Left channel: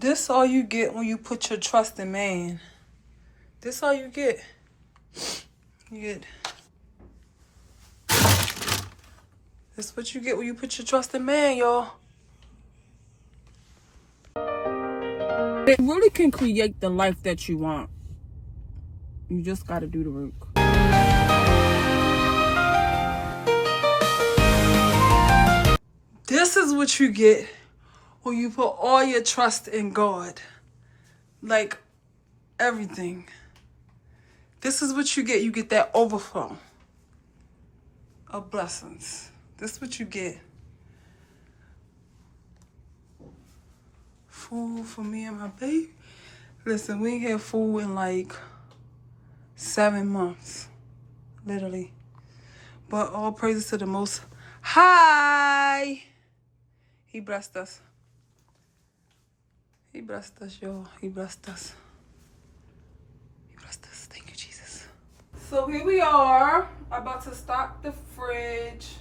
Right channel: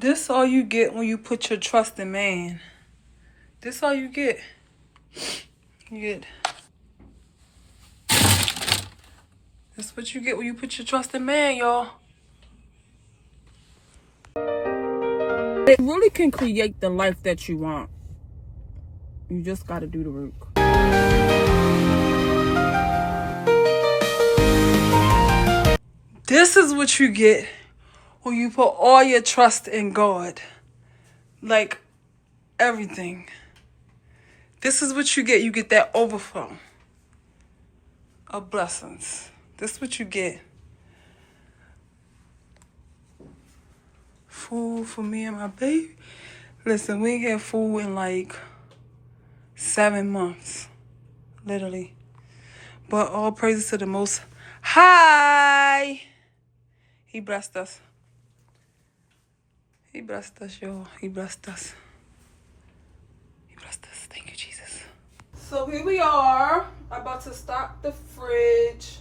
This all you get when you put your trust in man. This all you get. You get. That's what you get when you put your trust in man, y'all. It really can create the life that you want. You just gotta do the work. This is what you get when you put all your trust in God. Like everything. This is what you get. You get that overflow of blessings. This is what you get. Food for me and my baby. Listen, we ain't had food in like 7 months. Literally. But all praises to the Most High. He blessed us. He blessed us, y'all. He blessed us. He blessed us. Thank you, Jesus. So here we are. About to stock the fridge.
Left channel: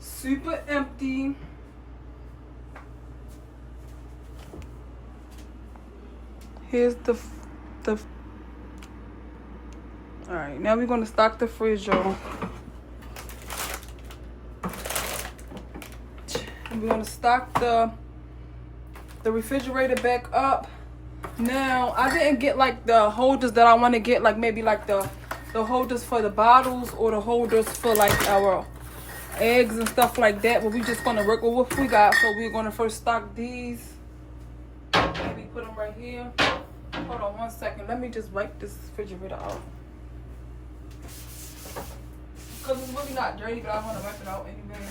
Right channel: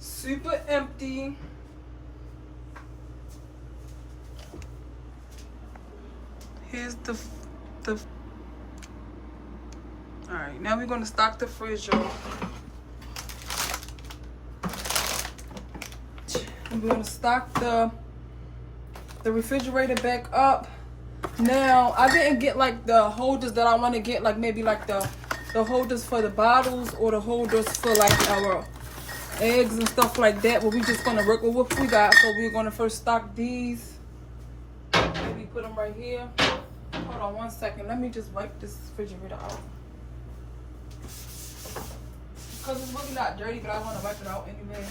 Super empty. Here's the Alright, now we're gonna stock the fridge, y'all. And we're gonna stock the refrigerator back up. Now, I didn't get like the holders that I want to get, like maybe like the holders for the bottles or the holders for like our eggs and stuff like that, but we just gonna work with what we got. So we're gonna first stock these. Maybe put them right here. Hold on 1 second. Let me just wipe this refrigerator out. Because it's really not dirty, but I want to wipe it out anyway.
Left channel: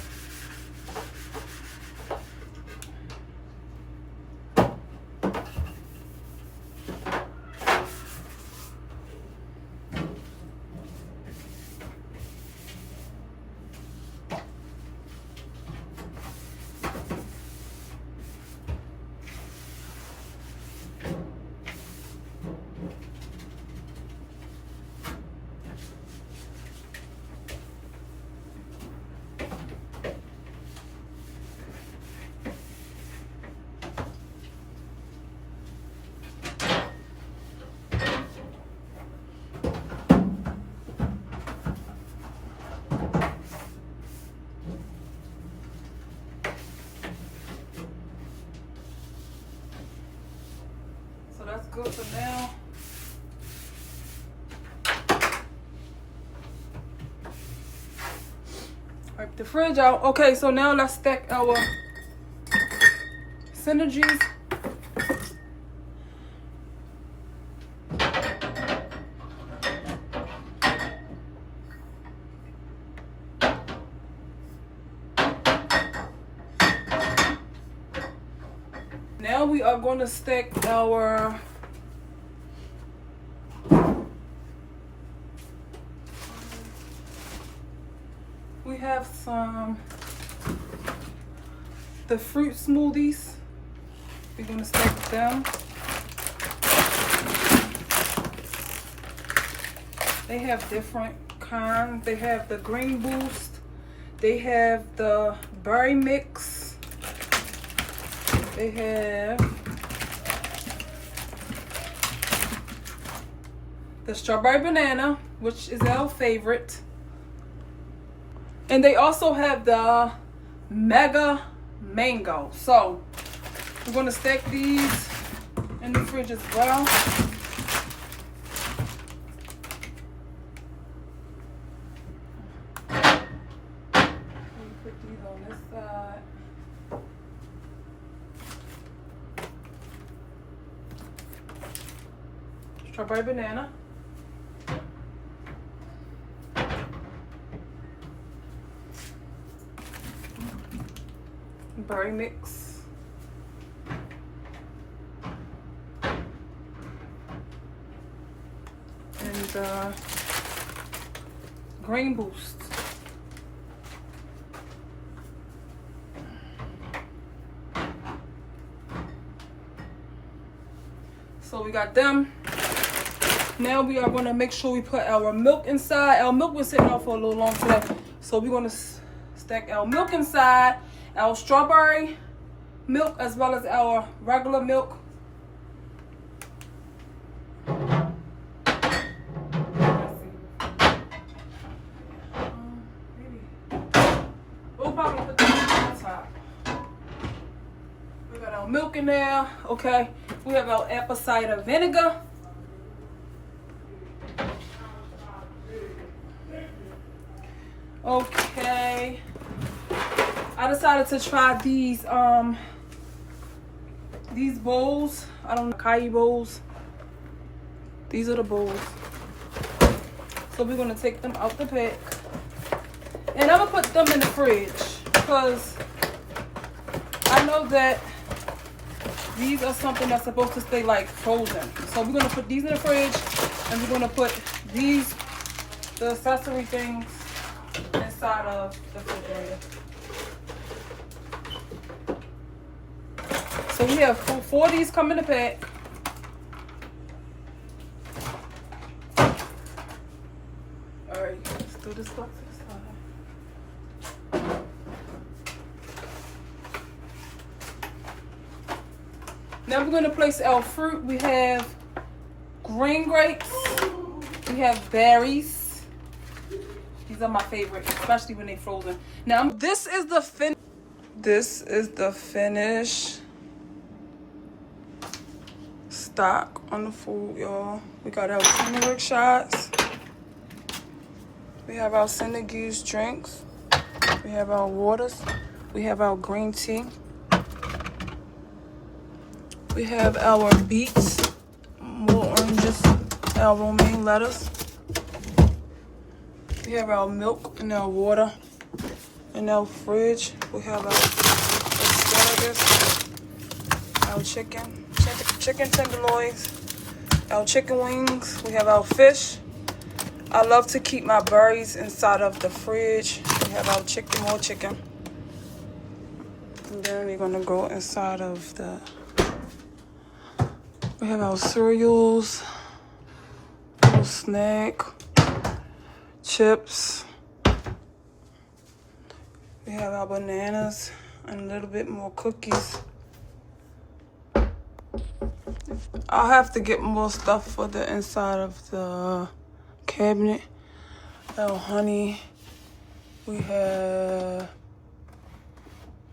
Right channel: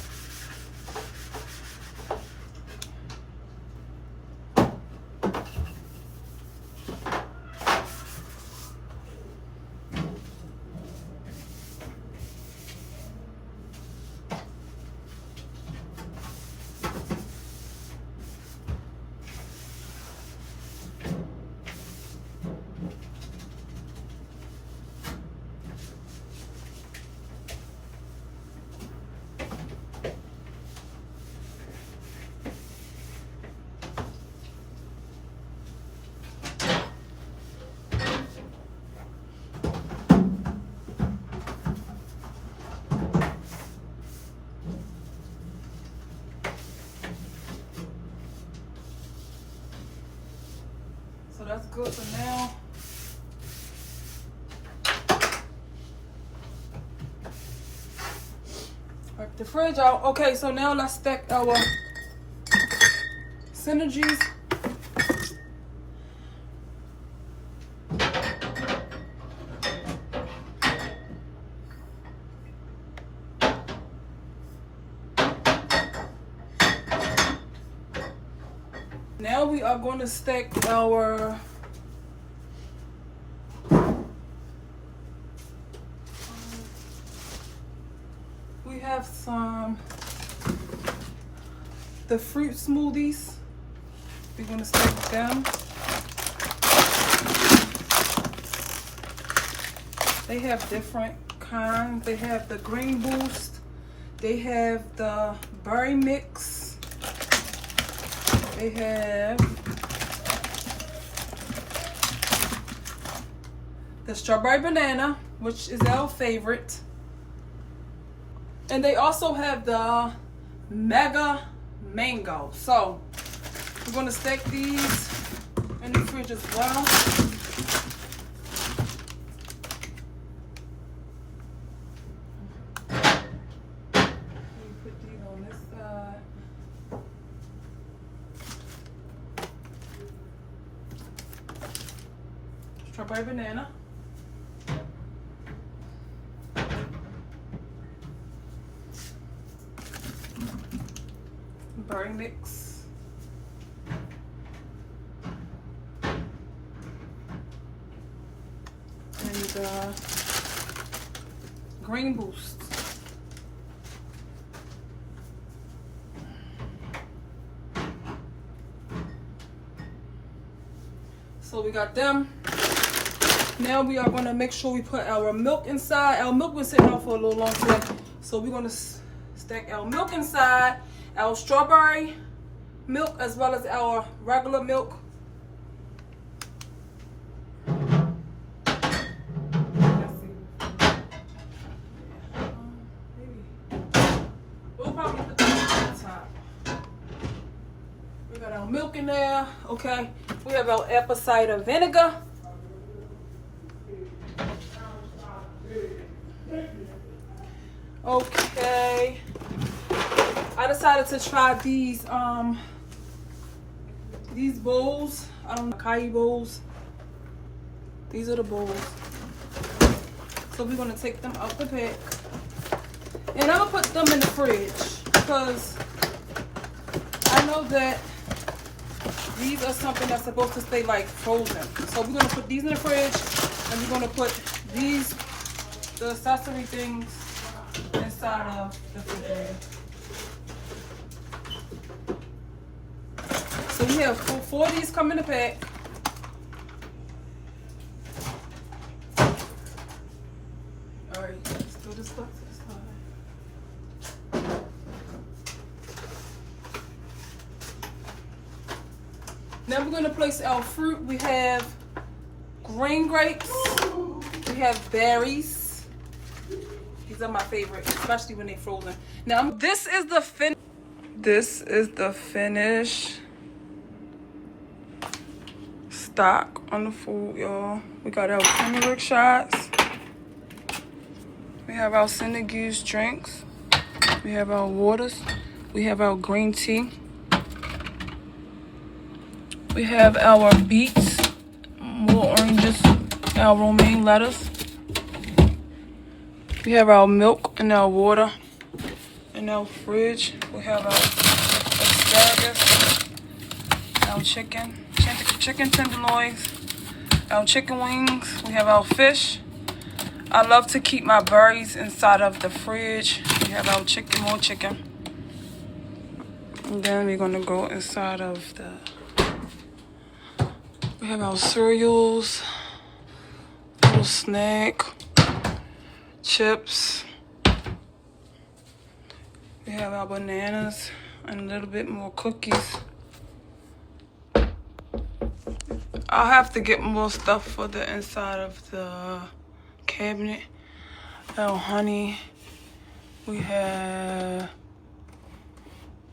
That's good for now. Wipe the fridge out. Okay, so now let's stack our synergies. Now we are going to stack our the fruit smoothies. We're going to stack them. They have different kinds. They have the Green Boost. They have the berry mix. They have the strawberry banana, which is our favorite. And they also have the mega mango. So we're gonna stack these in the fridge as well. Put these on this side. Strawberry banana. Berry mix. And Green Boost. So we got them. Now we are going to make sure we put our milk inside. Our milk was sitting out for a little long today. So we're going to stack our milk inside. Our strawberry milk as well as our regular milk. We'll probably put that on top. We got our milk in there. Okay. We have our apple cider vinegar. Okay. I decided to try these bowls. I don't know, acai bowls. These are the bowls. So we're gonna take them out the pack. And I'm gonna put them in the fridge because I know that these are something that's supposed to stay like frozen. So we're gonna put these in the fridge and we're gonna put these, the accessory things, inside of the refrigerator. So we have four of these come in the pack. Alright, let's do this one. Now we're going to place our fruit. We have green grapes. We have berries. These are my favorite, especially when they're frozen. Now this is the finished stock on the food, y'all. We got our turmeric shots. We have our Cinder Goose drinks. We have our waters. We have our green tea. We have our beets, more oranges, our romaine lettuce. We have our milk and our water in our fridge. We have our asparagus, our chicken tenderloins, our chicken wings. We have our fish. I love to keep my berries inside of the fridge. We have our chicken, more chicken. And then we're gonna go inside of we have our cereals, little snack, chips. We have our bananas and a little bit more cookies. I'll have to get more stuff for the inside of the cabinet. Our honey. We have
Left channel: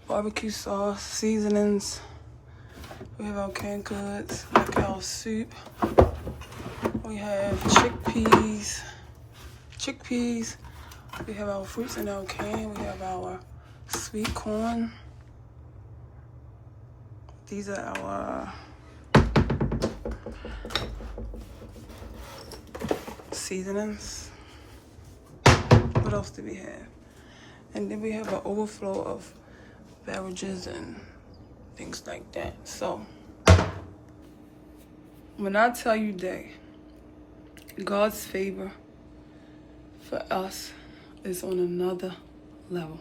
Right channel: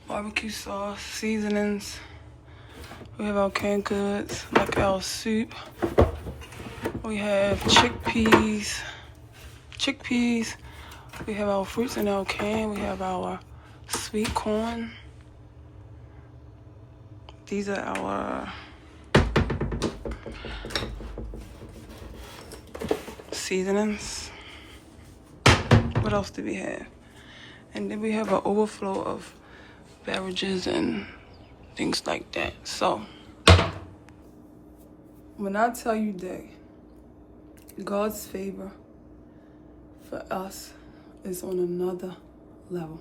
barbecue sauce, seasonings. We have our canned goods, like our soup. We have chickpeas. We have our fruits in our can. We have our sweet corn. These are our seasonings. What else do we have? And then we have an overflow of beverages and things like that. So when I tell you that God's favor for us is on another level,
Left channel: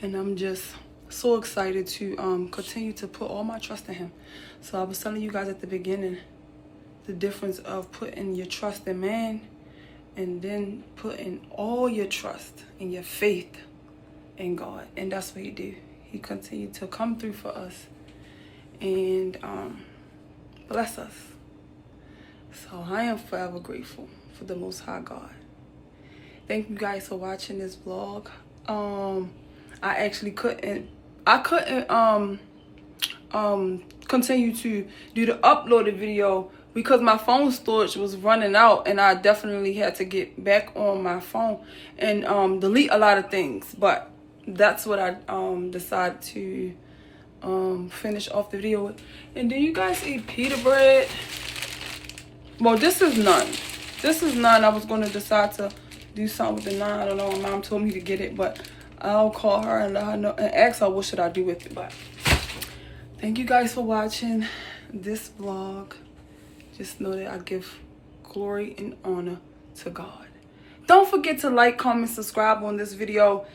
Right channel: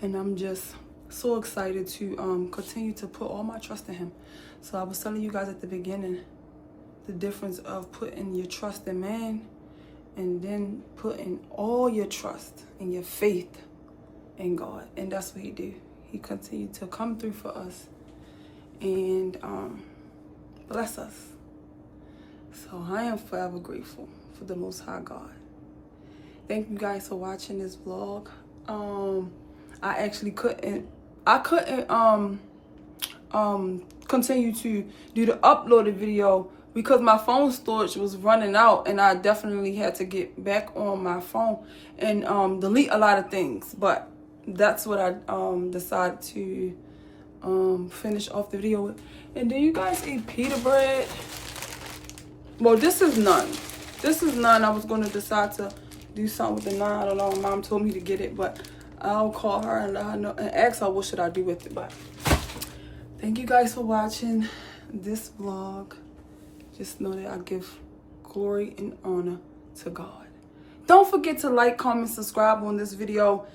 and I'm just so excited to continue to put all my trust in him. So I was telling you guys at the beginning the difference of putting your trust in man and then putting all your trust and your faith in God. And that's what he did. He continued to come through for us and bless us. So I am forever grateful for the Most High God. Thank you guys for watching this vlog. I actually couldn't continue to do the uploaded video because my phone storage was running out, and I definitely had to get back on my phone and delete a lot of things. But that's what I decided to finish off the video with. And then you guys eat pita bread. Well, this is none. I was going to decide to do something with the naan. I don't know. My mom told me to get it, but I'll call her and let her know and ask her what should I do with it. But thank you guys for watching this vlog. Just know that I give glory and honor to God. Don't forget to like, comment, subscribe on this video,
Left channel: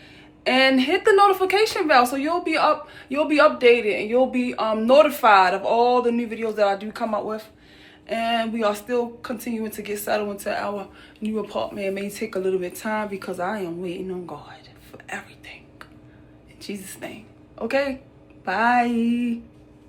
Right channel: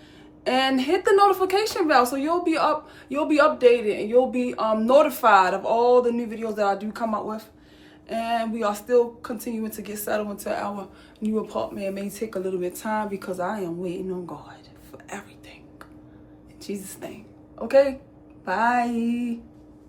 and hit the notification bell so you'll be updated and you'll be notified of all the new videos that I do come up with. And we are still continuing to get settled into our new apartment. It may take a little bit of time because I am waiting on God for everything. In Jesus' name. Okay? Bye. Bye.